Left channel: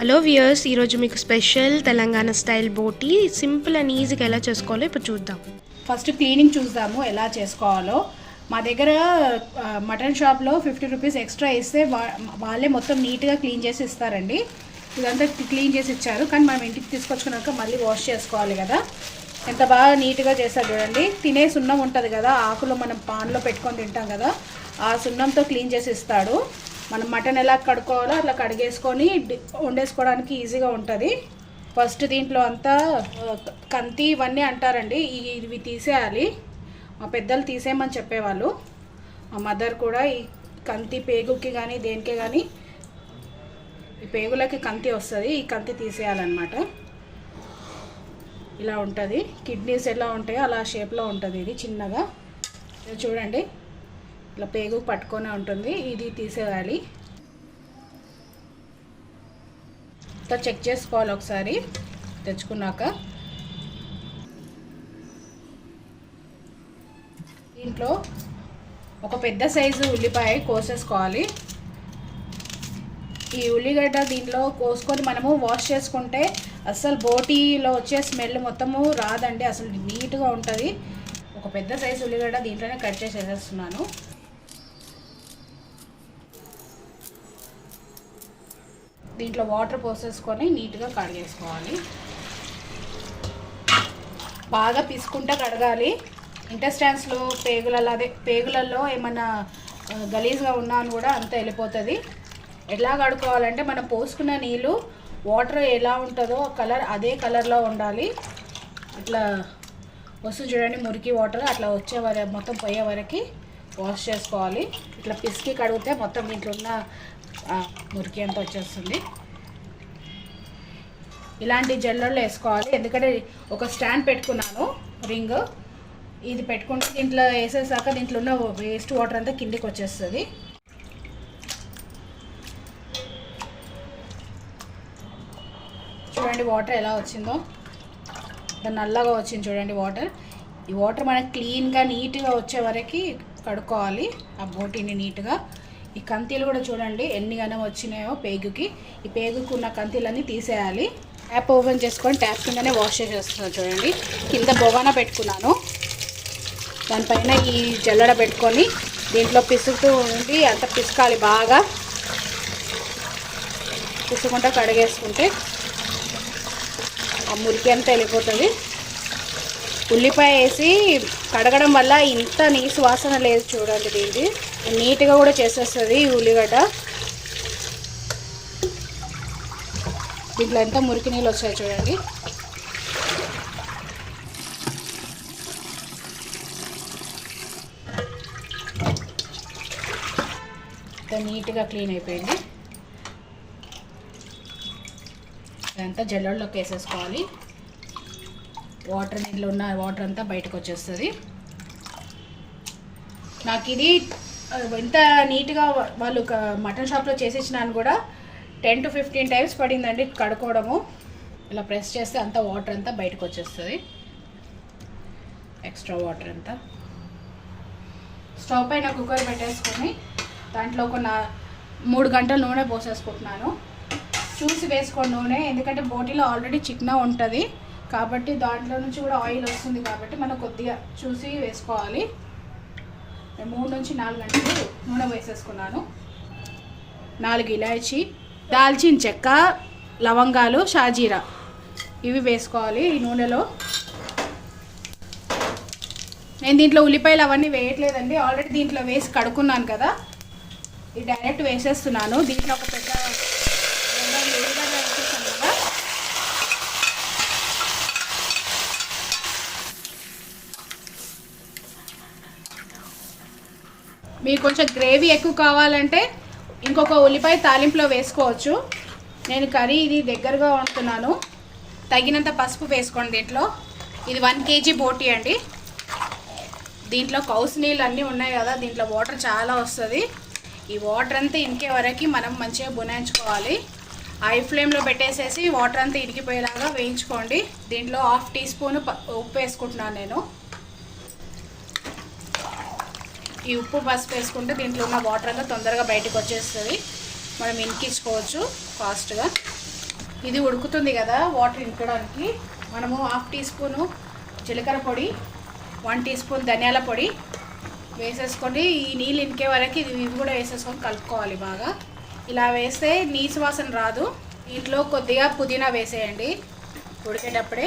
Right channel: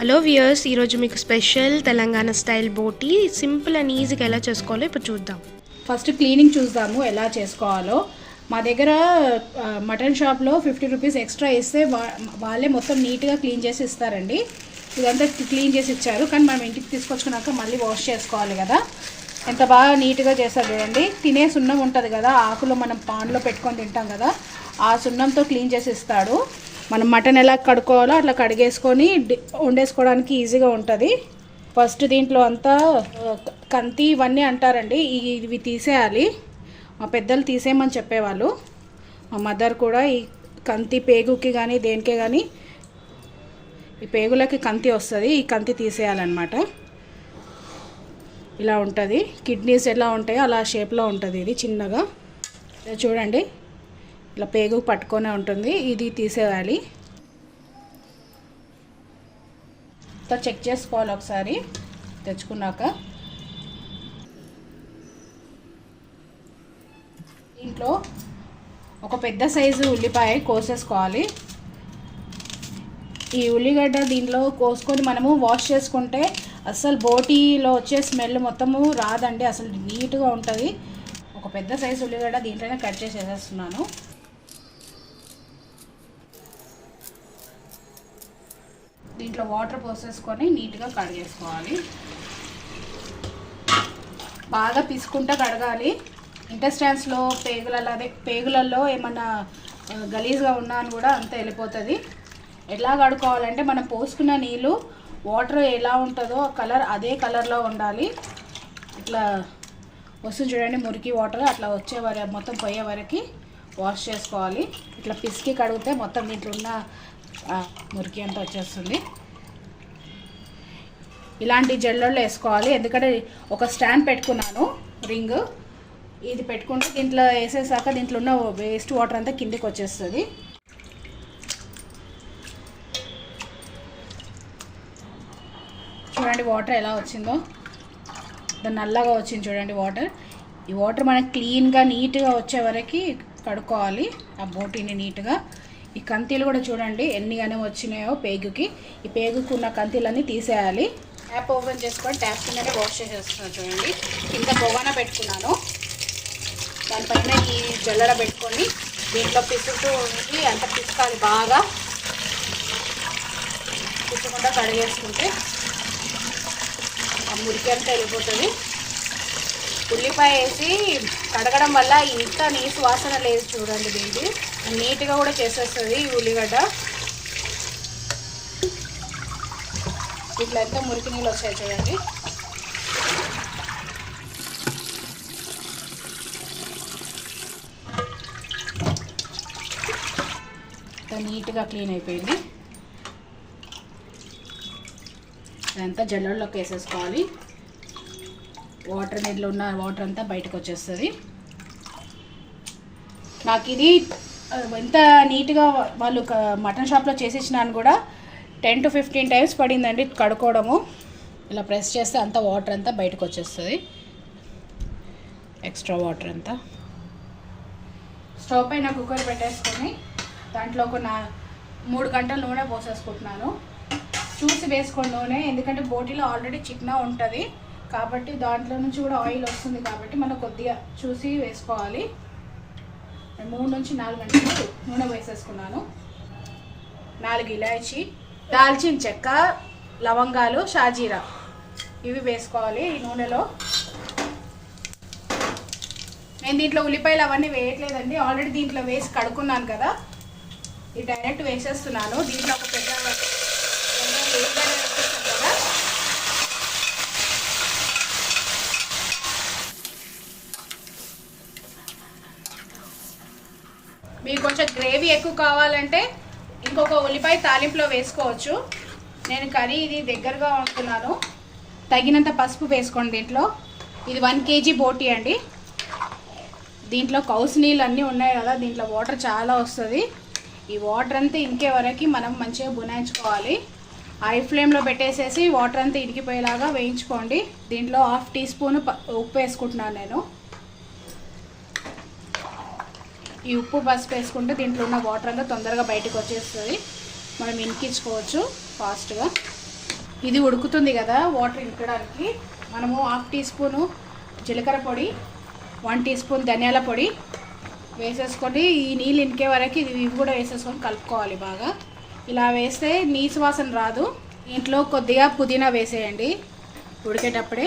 Hello viewers ఈరోజు మీకు special Telangana style బోటి సింపుల్ అండ్ ఈజీగా ఎలా చేసుకోవాలో ఇప్పుడు చూద్దాం. ఫస్ట్ క్లీనింగ్ చూద్దాము ఎలా చేసుకోవాలో. మా దగ్గర మటన్ షాప్లో ఫిఫ్టీ రూపీస్ ఎక్స్ట్రా ఇస్తే వా- వాళ్ళే మొత్తం నీట్గా క్లీన్ చేసి ఇస్తారండి. ఇదంతా క్లీన్ చేసి ఇచ్చారు. కానీ మనం ఇంటికి తీసుకొచ్చుకున్నాక మళ్ళీ వాష్ చేసుకోవాలి కదా. ఎంత బాగా నీట్గా చేస్తారు చూడండి. తినే సున్నం ఉంటుంది కదా. ఆకులో మనం పాన్లో పెట్టుకొని తింటాం కదా. ఆ సున్నంతో క్లీన్ చేసి ఇస్తాడు. మనం మటన్ ఎలా కడుక్కోవాలో అట్లా కడిగేసుకొని వండేసుకోవడానికి ఈజీగా ఉంటుంది. ఫస్ట్ దీంట్లో అంతా కంతి ఇవన్నీ అంటారండి ఇవి తీసేయాలి. మా పెద్దలు తీసేయమని చెప్పేవాళ్ళు. మా మదర్ కూడా ఈ కంతి పేగుకి కానీ దేనికే కానీ ఈ పేగులకి కంతి వస్తుంది ఈ కంతి తీసేయాలన్నమాట. ఇలా ఉంటుంది. కిడ్నీస్ ఎలా ఉంటాయో అలా షేప్లో ఉంటుంది ఇది చిన్నగా. చూడండి. ఇలా పేగు పట్టుకొనే ఉంటుంది. ఇది తీసేయాలి. అంతా చెక్ చేసుకోవాలి ఒకసారి. తెచ్చుకున్నాక. దీంట్లో ఒక పెద్ద సైజు ఉల్లిపాయ కోసేసుకోవాలి. ఈ ఉల్లిగడ్డ దీంట్లో కోసుకొని మనము వాష్ చేసుకుంటే అసలు బోటీలో వచ్చే స్మెల్ మొత్తము రాదండి. అసలు నీట్గా ఉంటుంది. ఒక పెద్ద సైజు ఉల్లిగడ్డ దీంట్లోనే కట్ చేసి వేసేస్తున్నాను దీంట్లో వాటర్ పోసేసుకొని నీట్గా కడిగేసుకోవాలి. బాగా పిసుకుంటా కడగాలి. ఇంటెస్టాన్స్లో పేగులలో అదే పేగులలో ఏమన్నా గలీజ్గా ఉన్నా అని కూడా అంతా వెళ్ళిపోతుంది. ఎలా కడుక్కోవాలంటే మనం పోసుకున్న నీళ్ళు వాటర్ ఎలా ఉంటుందో కలర్ అదే కలర్లో ఉండాలి. ఇట్లా వస్తుంది చూడండి మురికి వాటర్ అట్లా వచ్చే వరకు మొత్తం పోయే వరకు వాష్ చేసుకోవాలి. ఇట్లా పిసికి కడిగితే మొత్తం దీంట్లో ఉన్న మురికి అంతా వచ్చేస్తుంది. ఇలాంటి జల్లల్లో వేసుకోవాలి. ఎందుకంటే ఒక స్టాండ్ పెట్టుకున్నాను రింగ్. ఇది పెట్టుకుంటే దీంట్లో వేసేసాక దీంట్లో ఉన్న వేస్ట్ వాటర్ అంతా కిందికి వచ్చేస్తుంది. చూడండి వాటర్ ఎలా వచ్చిందో. దాని నల్లగా వచ్చింది చూడండి వాటర్ ఈ వాటర్ మనకి క్లీన్గా నీట్గా వచ్చే వరకు కడుక్కోవాలి. ఆ బోటీని నీట్గా ఈ కంతీలు కూడా చూడండి ఎన్ని గనం వచ్చినాయో పేగుకి. ఈ పేగుకు ఉన్న కంతీలన్నీ తీసేయాలి. ట్యాప్ ఓపెన్ చేసుకొని ట్యాప్ కిందనే వాష్ చేసేస్తున్నాను చూడండి. కింద బొగాన పెట్టుకున్నాను. దానిపైన ఈ జల్లడ పెట్టుకొని దీంట్లో పిసుకుతూ ఉండి అంత పిసుకాలి బాగా. పిసుకుంటా కడిగేసుకుంటే ఆ మురికి అంతా వెళ్ళిపోతుంది. ఉల్లిపాయ వేసి కడగడం వల్ల ఇంత నీసు వాసన లేదు చూడండి దీనికి. నీట్గా కూడా చేసేస్తుంది ఈ ఉల్లిగడ్డ. దీంట్లో ఎంత మురికి నీళ్ళు వచ్చాయి చూడండి. ఎంత నీట్గా క్లీన్ అయిపోయింది. అంతా జల్లెడలోకి వేసేసుకోవాలి. వాటర్ నీళ్ళు ఉన్న వాటర్ అంతా బయటకు వచ్చేస్తుంది. నాకు ఇది ఎంత నీట్గా వాళ్ళు ఒక మటన్ షాప్లో చేసి ఇచ్చినాను కూడా టెన్ టు ఫిఫ్టీన్ టైమ్స్ పడిందండి కడుక్కోవడము. ఇలా ప్రెస్ చేస్తే అంతా వాటర్ అంతా బయటకు వచ్చేస్తుంది. ఎక్స్ట్రా వాటర్ అంతా. స్టవ్ పైన కుక్కర్ పెట్టేసుకొని దాంట్లో ఒక నా మూడు గంటల నూనె పోసేసుకుంటున్నాను. చూసి వేసుకోండి నూనె ఎందుకంటే బోటీలో ఆల్రెడీ చిక్న ఉంటుంది. కాబట్టి దాంట్లో నుంచి కూడా ఆయిల్ వస్తుంది కాబట్టి మనం కొద్దిగా చూసి వేసుకోవాలి. మూడు నుంచి నాలుగు గంటలు నూనె వేసేసుకున్నాను. నాలుగు ఇలాచి దాల్చిన చెక్క లవంగాలు షాజీరా. ఇవి వేసుకోవాలి ఈ నూనెలో. నేను దీంట్లో ఉల్లిపాయలు అవన్నీ వేయట్లేదండి. ఆల్రెడీ దీంట్లో వేసి కడుక్కున్నాను కదా. ఇది డైరెక్ట్ వేసేస్తున్నాను. దీంట్లో ఒక పెద్ద ఉల్లిగడ్డ వేసేసాను కదా మీకు కొంచెం గ్రేవీ ఎక్కువ కావాలంటే ఇంకొక ఉల్లిపాయ తాలింపులో వేసుకోవచ్చు. నేను కర్రీ ఇది దగ్గరగా వండుతున్నాను. తగినంత పసుపు వేసుకోండి దీంట్లో. ఇది వన్ కేజీ బోటీ అండి. దీంట్లో కౌసు నీళ్ళు అన్నీ ఉన్నాయి కదా దీంట్లో వాటర్ చాలా వస్తుంది. ఈ వాటర్ అంతా ఇంకే వరకు మనం మంచిగా బునాయించుకోవాలి. హై ఫ్లేమ్లో పెట్టేసేసి వాటర్ అంతా ఇరిగిపోయేలాగా వేయించుకోండి. దీంట్లో హాఫ్ టీ స్పూన్ ఉప్పు వేసుకుంటున్నాను నేను. ఈ ఉప్పు పసుపు వేసుకుంటే దీంట్లో ఉన్న వాటర్ అంతా తొందరగా బయటకు వచ్చేస్తుంది. మనం ఇంకించుకోవచ్చు ఫాస్ట్గా. ఇది ఉడుకుతుంది కదా వాటర్ ఇంకడానికి. మనము హాఫ్ టీ స్పూను జీలకర్ర పొడి వన్ టీ స్పూన్ ధనియాల పొడి వేసేసుకొని ఈ నీళ్ళు ఇంకే వరకు ఇది ఇవి కూడా వేసేసుకొని కలుపుకోవాలి బాగా. ఇలా వేస్తే నీసు వాసన రాదు. దీంట్లో కొద్దిగా పుదీనా వేసేయండి ఉడికేటప్పుడే.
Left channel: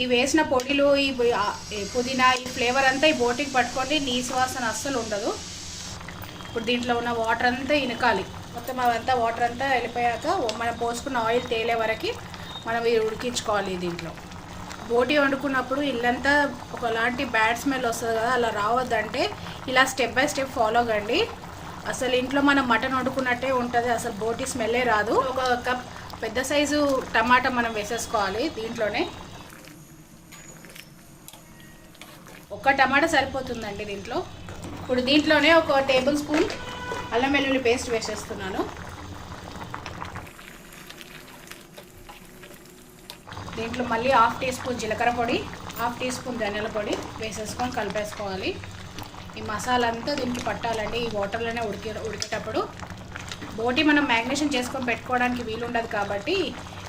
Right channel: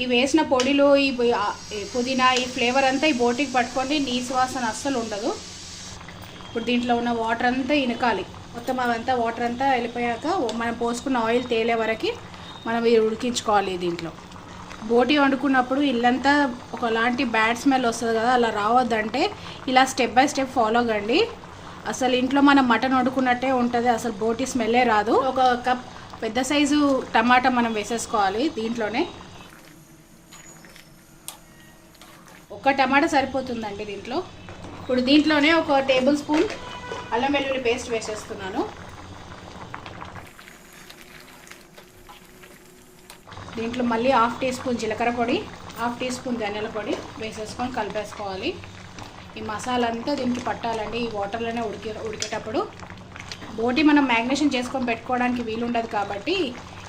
ఈ వేసిన పొడిలో ఈ పుదీనా ఈ ఫ్లేవర్ అంతా ఈ బోటికి పట్టుకోండి నీసు వాసన అస్సలు ఉండదు. ఇప్పుడు దీంట్లో ఉన్న వాటర్ అంతా ఇనకాలి. మొత్తం అదంతా వాటర్ అంతా వెళ్ళిపోయాక మనం పోసుకున్న ఆయిల్ తేలే వరకు మనం ఇది ఉడికించుకోవాలి దీంట్లో. బోటి వండుకున్నప్పుడు ఇల్లంతా ఒకలాంటి బ్యాడ్ స్మెల్ వస్తుంది కదా అలా రావద్దంటే ఇలా స్టెప్ బై స్టెప్ ఫాలో కండి. అసలు ఇంట్లో మనం మటన్ వండుకున్నట్టే ఉంటుంది అసలు బోటి స్మెల్లే రాదు. ఒక కప్ పెద్ద సైజు టమాటా మనం వేసేసుకోవాలి దీంట్లోనే. ఒక్క టమాటా సరిపోతుందండి దీంట్లో. ఇప్పుడు దీంట్లోనే ఒక టేబుల్ స్పూన్ అల్లం వెల్లుల్లి పేస్ట్ వేసేస్తున్నాను. దీంట్లో మళ్ళీ హాఫ్ టీ స్పూన్ జీలకర్ర పొడి హాఫ్ టీ స్పూన్ ధనియాల పొడి వేసేసుకొని కలిపేసుకోవాలి. ఈ మసాలా అంతా దీనికి పట్టాలండి. ఈ వాటర్లోనే ఉడికే ఉడికేటప్పుడు బోటి మనం మ్యాగ్నేషన్ చేసుకొని పెట్టుకోవడానికి వీలుండదు కాబట్టి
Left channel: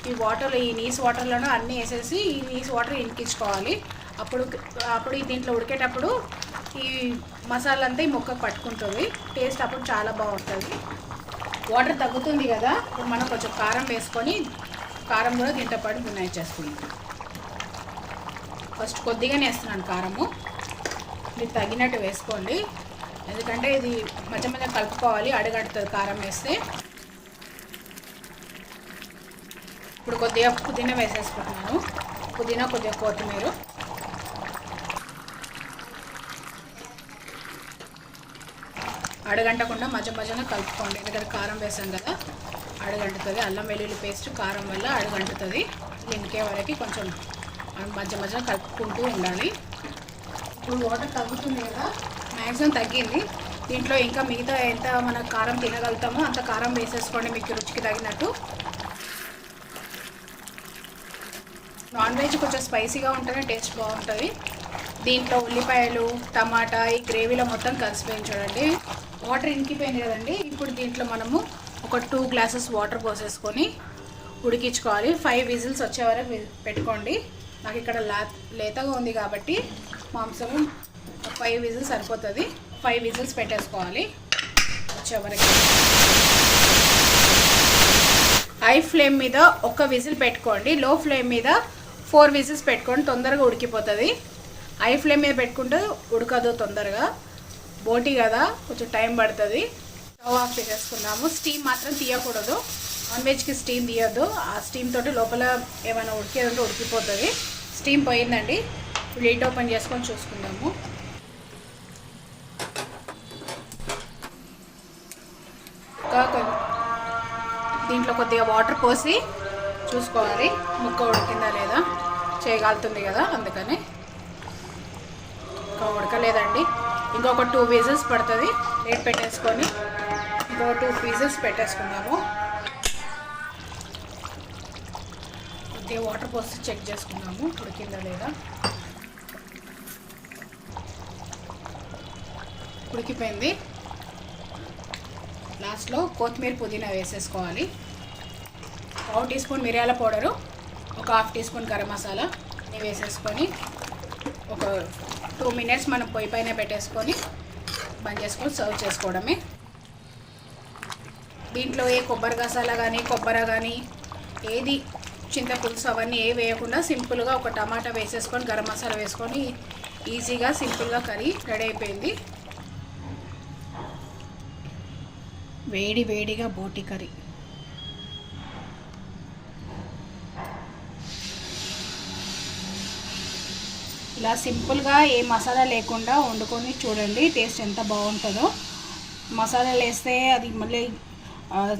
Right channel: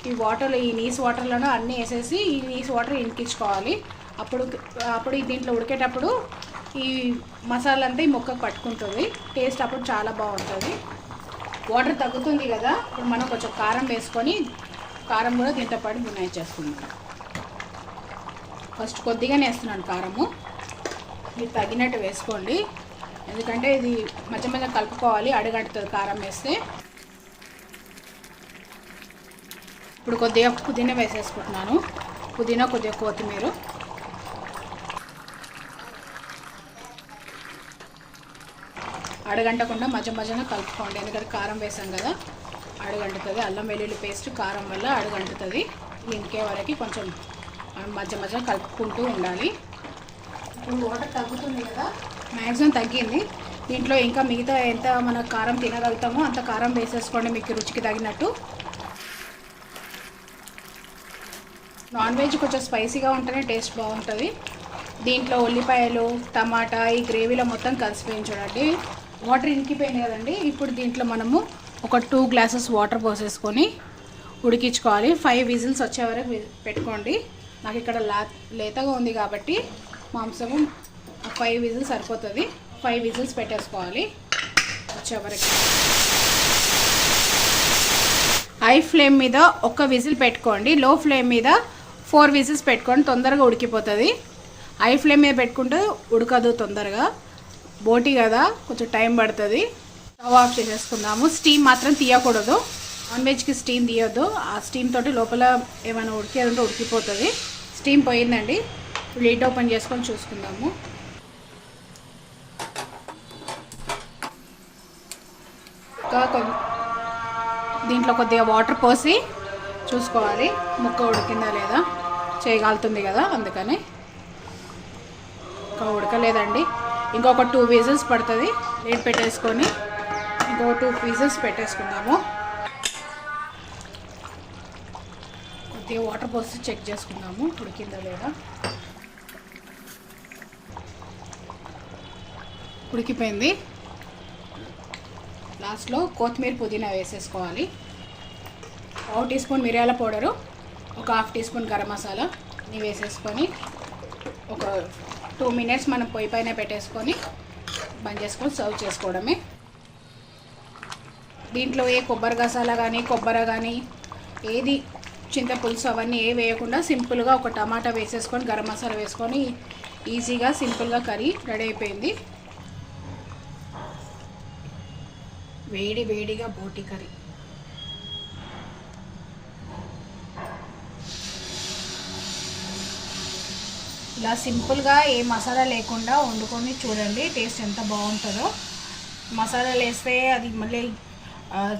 ఈ వాటర్లో ఈ నీస్ వాటర్లను అన్నీ వేసేసి ఈ నీస్ వాటర్ ఇంకించుకోవాలి. అప్పుడు అప్పుడు ఈ దీంట్లో ఉడికేటప్పుడు ఈ మసాలా అంతా ఈ మొక్కకు పట్టుకుంటుంది. టేస్ట్ అప్పుడు చాలా బాగుంటుంది. వాటర్ తగ్గుతుంది కదా ఇప్పుడు మనం కొంచెం కారం వేసుకొని కారం కూడా దీంతో పాటు బున్నాయి చేసుకుంటాం ఫస్ట్ కొద్దిగానే వేస్తున్నాను కారము. మీరు తగినట్టు వేసుకోండి. ఎందుకంటే ఇది మధ్య మధ్య కలుపుకోవాలి అడుగడుతుంది కారం వేస్తే. ఇప్పుడు కొద్దిగా పుదీనా వేసేసుకుంటున్నాను. పుదీనా కొద్దిగా కొత్తిమీర. అడగంటకుండా మధ్య మధ్యన కలుపుకోండి. ఎందుకంటే కారం వేసాం కదా అడగంటుతుంది. అల్లం వెల్లుల్లి పేస్ట్ కారం వల్ల అడగంటుతుంది. ఇంకే వరకు కొంచెం మధ్య మధ్యన కలుపుకుంటూ ఉండాలి. ఇప్పుడు వాటర్ తగ్గుతుంది కదా? మ్యాక్సిమం తగ్గింది. దీంట్లో ఇంకా మిగతా ఎంత మన కారం తినగలుగుతామో అంత కారం వేసేసుకోండి మీకు రుచికి తగినట్టు. నాన్ వెజ్ కొంచెం స్పైసీగా ఉంటేనే టేస్ట్ బాగుంటుంది. దీంట్లో ఉల్లిపాయలు టమాటా ఈ గ్రేవీలో మొత్తం కలిసిపోయింది చూడండి వాటర్ ఇంకిపోయింది కదండి. ఇప్పుడు దీంట్లో మనము ఒక టూ గ్లాసెస్ వాటర్ పోసేసుకొని ఉడికించుకోవాలి. ఫైవ్ విజిల్స్ వచ్చే వరకు పెట్టుకోండి. నాకు ఇక్కడ లా లేతగా ఉంది కాబట్టి మాంసం ఫైవ్ విజిల్స్ సరిపోతుంది. ఫైవ్ విజిల్స్ పెట్టేసుకోవాలి. వచ్చే వరకు. హై ఫ్లేమ్ మీద ఒక విజిల్ పెట్టుకోండి. లో ఫ్లేమ్ మీద ఫోర్ విజిల్స్ పెట్టుకోండి తొందరగా ఉడికిపోతుంది. హై ఫ్లేమ్ మీద పెట్టుకుంటే ఉడకదు తొందరగా. బోటి కదా కొంచెం టైం పడుతుంది. స్టవ్ ఆఫ్ చేసేసుకుందాము. స్టీమ్ మాత్రం తీయకూడదు. నాన్ వెజ్కి స్టీమ్ తీయొద్దు. ఆ స్టీమ్ తోటి లోపల ఏమైనా ఉడికేదంటే ఉడికిపోతుంది. స్టీమ్ పోయిందండి. లీట్ ఓపెన్ చేసుకొని చూసుకుందాము. దీంట్లో కొద్దిగా వాటర్ పోసి చూసుకోవాలి. ముక్క ఉడికిందా లేదా? చేయగలుగుతుంది కదా అందుకని. ఉడకలేదండి. ఇంకా ఇంకొక టూ పీసెస్ పడుతుంది. రేట్ పెట్టేసుకొని ఇంకో టూ పీసెస్ పెట్టేసుకున్నాము ఇది వాటర్ పోసి చెక్ చేసుకున్నాము ఉడికిందా లేదా? ఉడికిపోయింది. లాస్ట్లో కొత్తిమీర పుదీనా వేసేసుకోవాలి. పావు టీ స్పూన్ మిరియాల పౌడరు ఒక half teaspoon garam masala ఇవి వేసేసుకొని ఒక టూ మినిట్స్ మనం పొయ్యి పైన పెట్టేసుకొని బంద్ చేసుకొని సర్వ్ చేసుకోవడమే. దీంట్లో ఏ కొబ్బరి గసాలా కానీ కొబ్బరి కానీ ఏది చింతపులుసు అవన్నీ ఏ వేయకుండా సింపుల్గా ఒక టమాటా వేసేసుకొని గరం మసాలా వేసుకొని ఈజీగా సింపుల్గా కర్రీ రెడీ అయిపోయింది. వేడి వేడిగా బోటి కర్రీ. ఇలా సింపుల్గా ఏ మసాలా లేకుండా వండుకొని చూడండి టేస్ట్ ఎంత బాగుంటుందో. మసాలాలు వేస్తే అది మళ్ళీ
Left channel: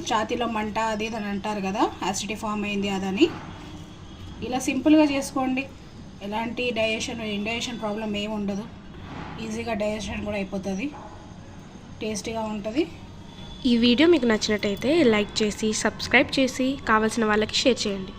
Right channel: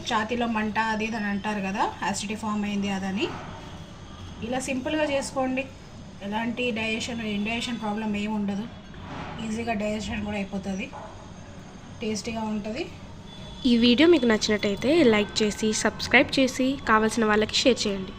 ఛాతీలో మంట అది అని అంటారు కదా యాసిడిటీ ఫామ్ అయింది అదని. ఇలా సింపుల్గా చేసుకోండి. ఎలాంటి డైజెషన్ ఇండైజెషన్ ప్రాబ్లం ఏమి ఉండదు. ఈజీగా డైజెషన్ కూడా అయిపోతుంది. టేస్టీగా ఉంటుంది. ఈ వీడియో మీకు నచ్చినట్టయితే లైక్ చేసి సబ్స్క్రైబ్ చేసి కావాల్సిన వాళ్ళకి షేర్ చేయండి.